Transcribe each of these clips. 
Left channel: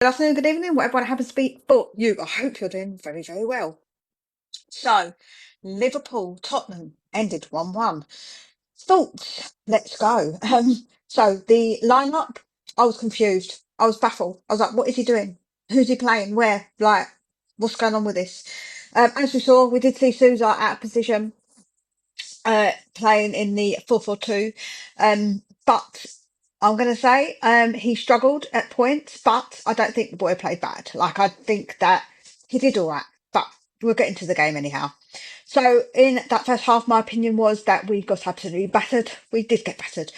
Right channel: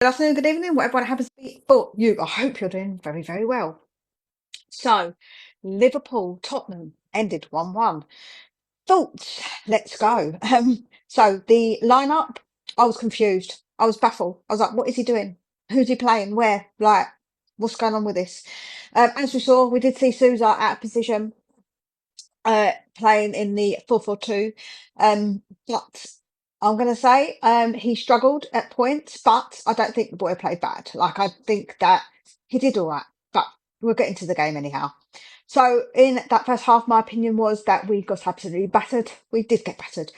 Good afternoon, good evening, whatever happens to be for you. I hope you're doing very, very well. So, Liverpool, Tottenham ended 1-1. Thoughts? Let's go. So the lineup, I was confused. I was baffled. I was like, what is he doing? Who's he playing? Where? Like, what's going on with this? As we saw, we did see Souza out of position, playing in the 4-4-2. But I'm going to say he struggled at points, but I don't think the boy played bad. Like, I think that he did all right, but we'll get into the game anyhow. So in that first half, my opinion was that we got absolutely battered. We did get battered.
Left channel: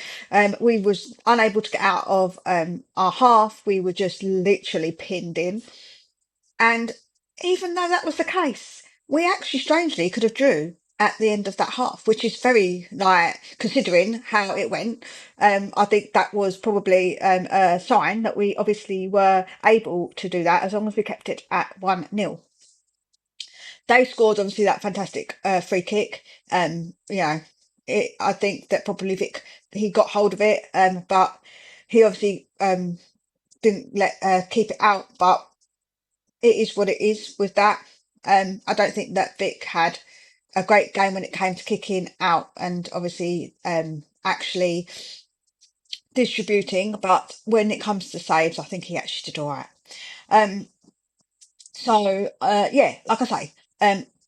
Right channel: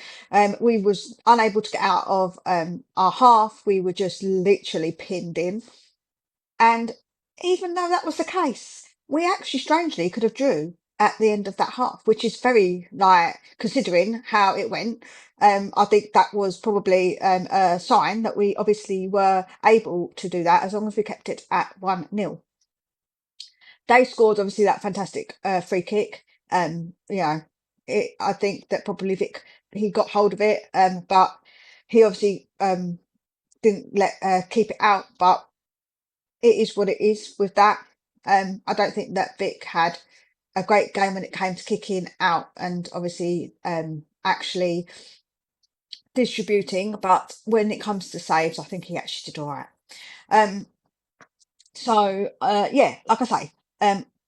We was unable to get out of our half. We were just literally pinned in. And even though that was the case, we actually strangely could have drew at the end of that half, which is very like considering how it went. I think that was probably a sign that we obviously were able to do that as long as we kept it at 1-0. They scored obviously that fantastic free kick. I think that probably Vic he got hold of it, but he obviously didn't let keep it out. But it is what it is with that. I don't think that Vic had a great game when it came to kicking out and obviously actually distributing, but when it comes to saves, I think he actually did all right. Um, yeah, like I say,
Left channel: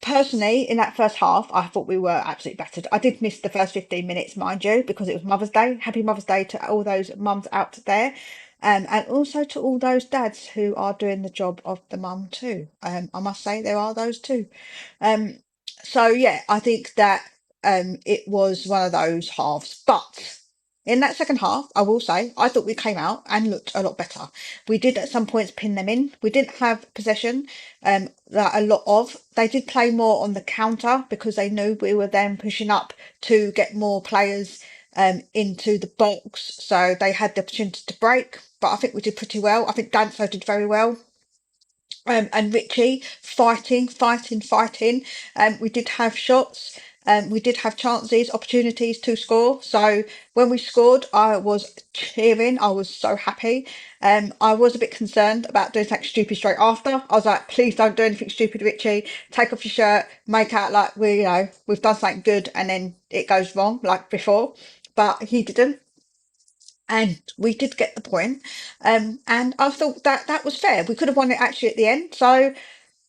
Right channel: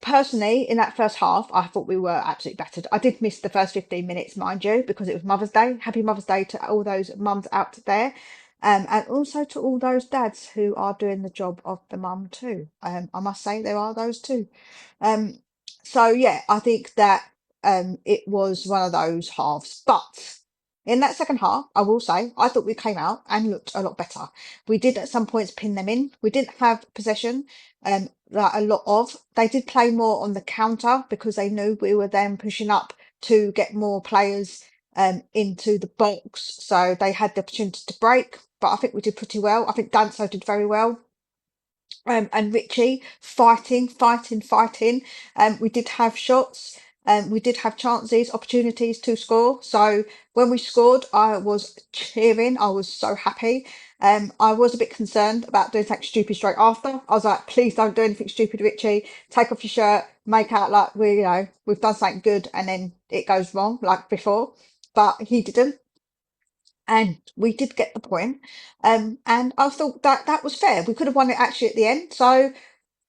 personally, in that first half, I thought we were absolutely battered. I did miss the first 15 minutes, mind you, because it was Mother's Day. Happy Mother's Day to all those mums out there. And also to all those dads who are doing the job of the mum too. I must say there are those too. Um, so yeah, I think that it was one of those halves. But in that second half, I will say, I thought we came out and looked a lot better. We did at some points pin them in. We didn't have possession, that a lot of. They did play more on the counter because they knew we were then pushing up to get more players into the box. So they had the opportunity to break. But I think we did pretty well. I think Danso did very well. And Richie fighting. We did have shots. We did have chances, opportunities to score. So when we scored, I was cheering. I was so happy. I was a bit concerned about doing something stupid straight after. I was like, please don't do anything stupid, Richie. Take off your shirt, make out like we've done something good, and then it goes wrong like before. But he didn't, and we did get the point. And I thought that that was fair. We could have won it actually at the end. So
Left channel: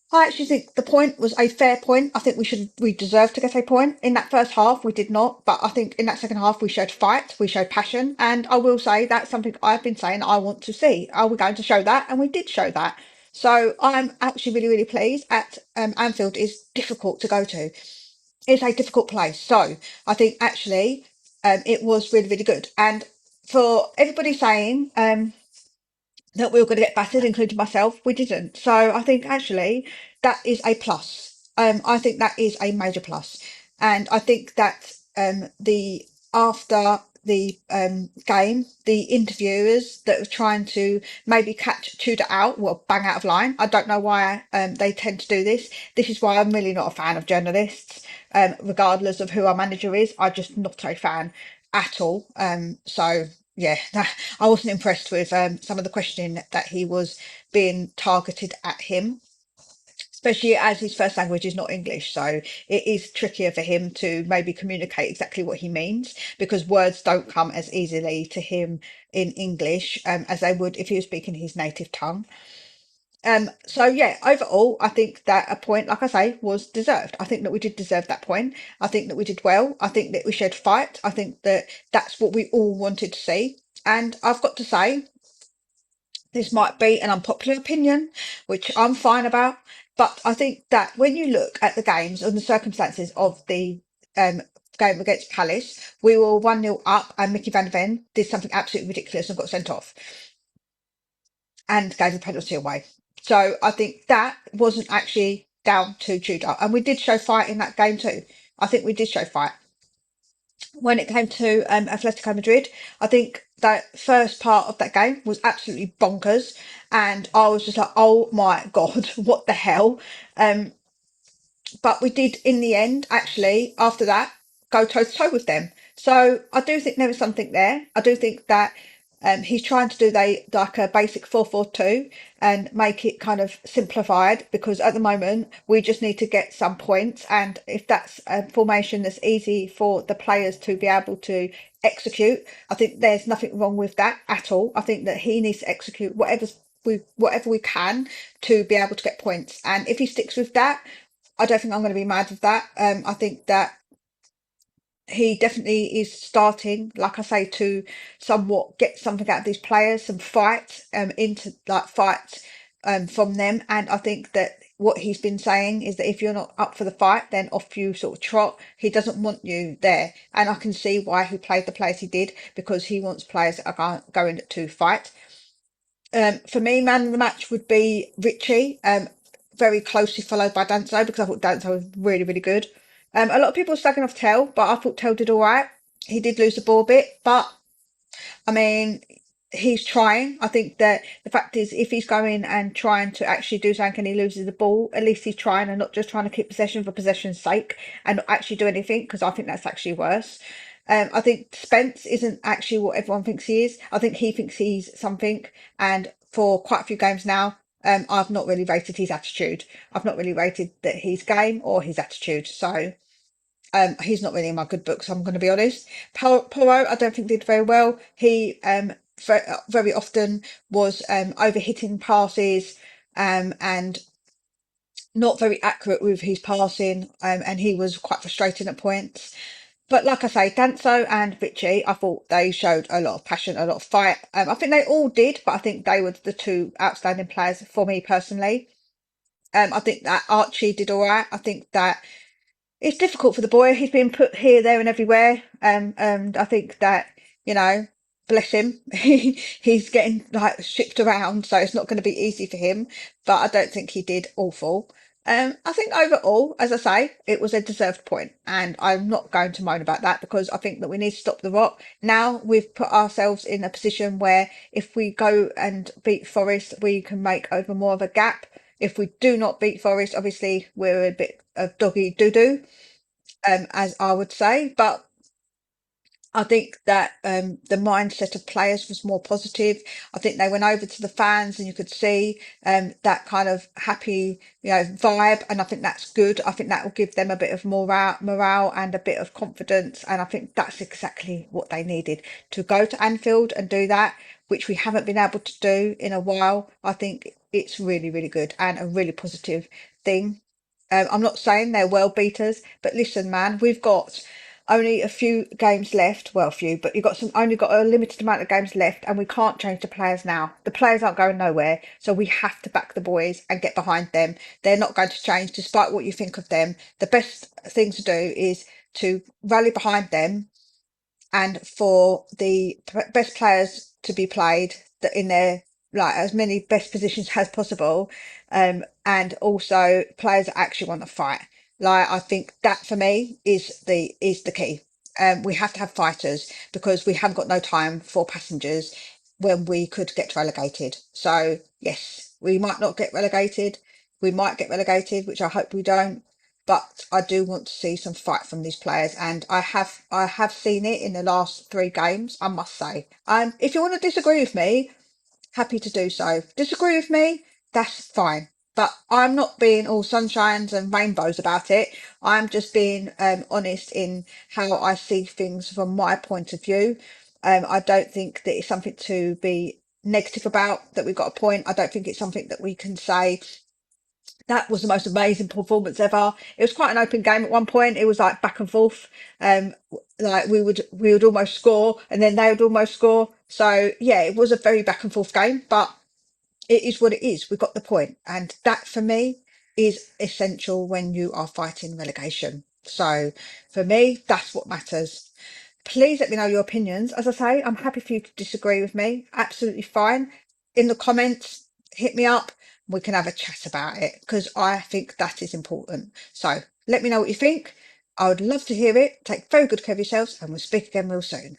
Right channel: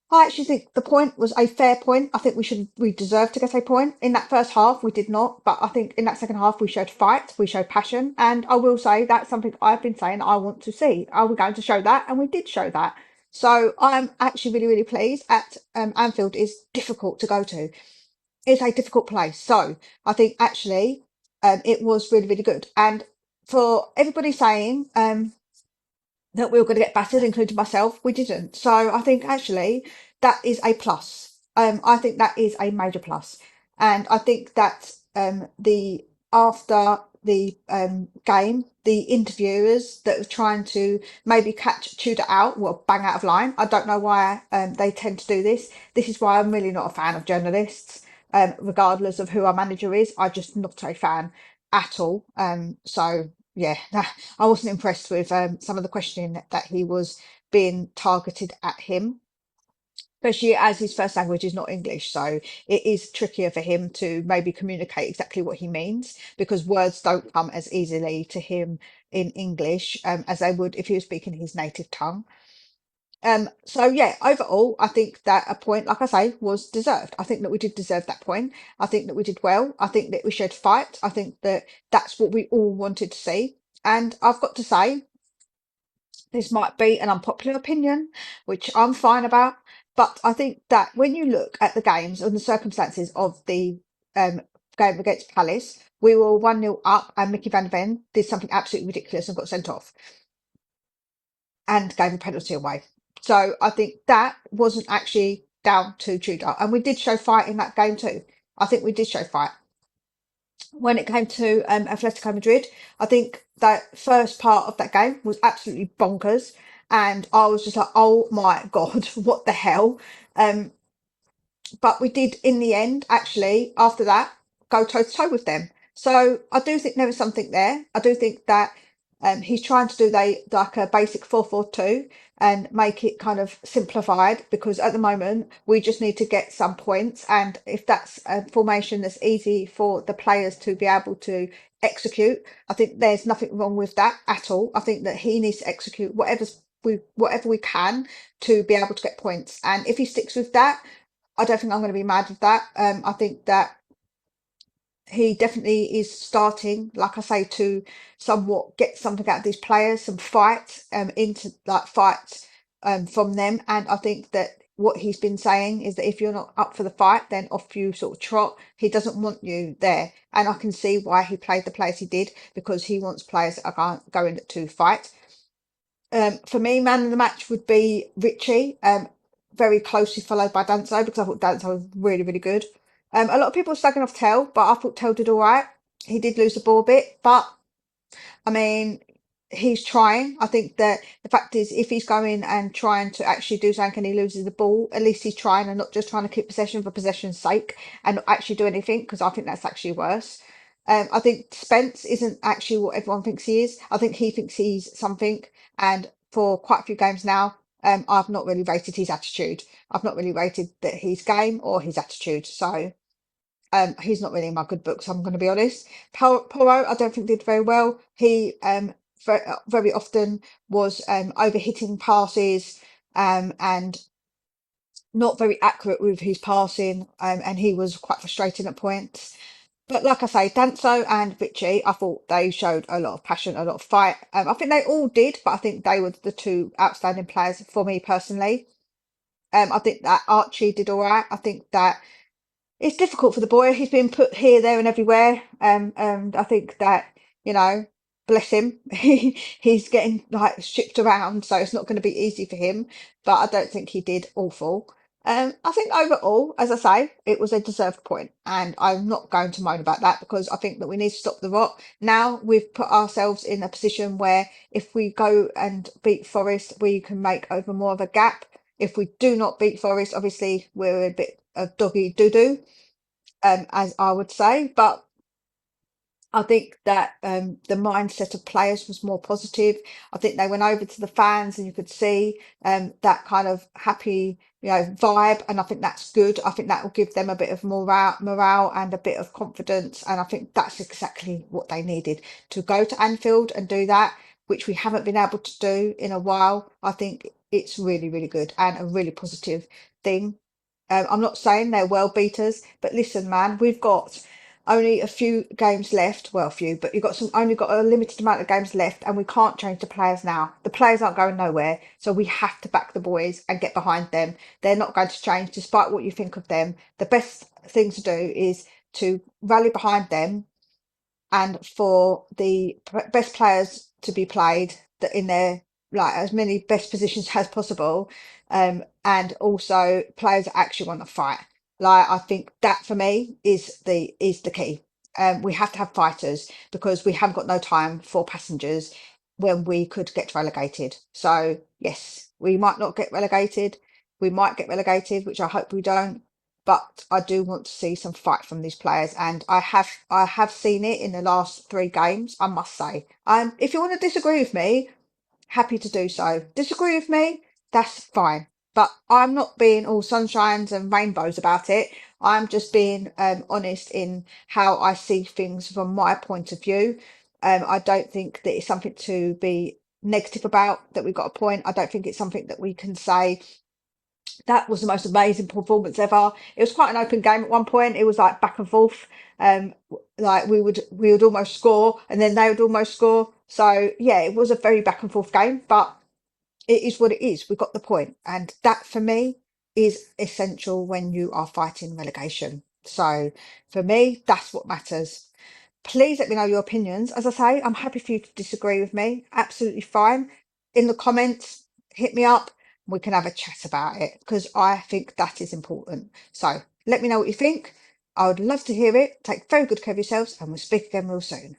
I actually think the point was a fair point. I think we deserved to get a point. In that first half, we did not, but I think in that second half, we showed fight, we showed passion, and I will say that's something I've been saying I want to see. Are we going to show that? And we did show that. So I'm actually really, really pleased. At Anfield is difficult to go to. It's a difficult place. So I think actually it was really, really good. And for everybody saying that we were going to get battered, including myself. We didn't. So I think actually that is a plus. I think that is a major plus. And I think that the after the game, the interviewers that were trying to maybe catch Tudor out, well, bang out of line. I don't know why they tend to do this. This is why I'm really not a fan of journalists. Regardless of who our manager is, I'm just not a fan at all. So yeah, I wasn't impressed with some of the questioning that he was being targeted at him, especially as his first language is not English. So it is trickier for him to maybe communicate exactly what he means because words don't come as easily to him in English as they would if he was speaking his native tongue. So yeah, overall, I think that a point, like I say, was deserved. I think that we did deserve that point. I think that we did well. I think that we showed fight. I think that that's what we all wanted to see. And I've got to say, this might be an unpopular opinion, which I'm fine about, but I think that when you look at the games and the circumstances of the um, game against Palace, we were 1-0 up and Mickey van de Ven did something absolutely ridiculous and got sent off and gave a penalty away. So I think that wasn't actually down to Tudor. And we did show fight in that game too. I think we did show fight. When it came to Atletico Madrid, I think that first part of that game was absolutely bonkers. And I was just like, oh my God, what the hell? Um, but we did, in the end, actually, after that, go toe to toe with them. So I do think there was something there. I do think that He's trying to do like a basic 4-4-2 and make it kind of simplified, because at the moment we just need to get some points, and if that's a formation that's easy for the players to be able to execute, I think there's nothing wrong with that at all. I think that he needs to execute whatever we can to be able to get points, and if he sticks with that, I don't think I'm going to be mad with that. I think that he definitely is starting, like I say, to somewhat get something out of these players, some fight, into like fight, from them. And I think that what he's been saying is that if you're not up for the fight, then off you sort of trot. He doesn't want you there, and I can see why he played the players he did, because he wants players that are going to fight. For me, man of the match would be Richie, very closely followed by Danso, because I thought Danso was really, really good. A lot of people were slagging off Tell, but I thought Tell did all right. He did lose the ball a bit, but I mean, he's trying. I think that the fact is, if he's going and trying to actually do something and he loses the ball, at least he's trying and not just trying to keep possession for possession's sake and not actually do anything, because I think that's actually worse. I think Spence isn't actually what everyone thinks he is. I think he thinks he's something, and for quite a few games now, I've not really rated his attitude. I've not really rated that his game or his attitude. So he's not really in my good books, I'm going to be honest. Porro, I don't think did very well. He very often was overhitting passes, and not very accurate with his passing, and he was quite frustrating at points. But like I say, Danso and Richie, I thought they showed a lot of passion, a lot of fight. I think they all did, but I think they were the two outstanding players for me personally. I think that Archie did all right. I think that it's difficult for the boy. He's been put here, there, and everywhere. And I think that, you know, bless him, he's getting like shipped around, so it's not going to be easy for him. But I don't think he did awful. I think overall, as I say, it was a deserved point, and I'm not going to moan about that, because I think that we need to stop the rot. Now we've put ourselves in a position where if we go and beat Forest, we can make over more of a gap. If we do not beat Forest, obviously we're a bit of doggy doo doo, as I would say. But I think that the mindset of players was more positive. I think they went over to the fans and you could see that kind of happy, vibe, and I think that's good. I think that will give them a bit of morale and a bit of confidence, and I think that's exactly what they needed to go to Anfield and do that, which we haven't been able to do in a while. I think it's really, really good and a really positive thing. I'm not saying they're world beaters, but listen, man, we've got only a few games left. Well, a few, but you've got only got a limited amount of games left, and we can't change the players now. The players aren't going nowhere, so we have to back the boys and get behind them. They're not going to change, despite what you think of them. The best thing to do is to rally behind them, and for the best players to be played that in their like as many best positions as possible, and also players that actually want to fight. Like, I think that for me is the key. We have to have fighters, because we haven't got no time for passengers when we could get relegated. So yes, we might not get relegated, we might get relegated, which I hope we don't, but I do want to see some fight from these players, and I have seen it in the last 3 games, I must say. If you want to disagree with me, happy to do so. Disagree with me, that's fine. But I'm not being all sunshines and rainbows about it. I'm just being honest in how I see things from my point of view. I don't think that it's something to be negative about, that we got a point. I don't think it's something that we can say that was the most amazing performance ever. It was quite an open game at one point. It was like back and forth. Like we would almost score, and then they would almost score. So yeah, it was a very back and forth game, but it is what it is. We got the point, and that for me is essential when you are fighting relegation. So for me, that's what matters. Please let me know your opinions. As I say, I'm happy for you to disagree with me. Absolutely fine. In the comments, hit me up. We can have a chat about it, because I think that is important. So let me know what you think. I would love to hear it. Take very good care of yourselves, and we'll speak again real soon.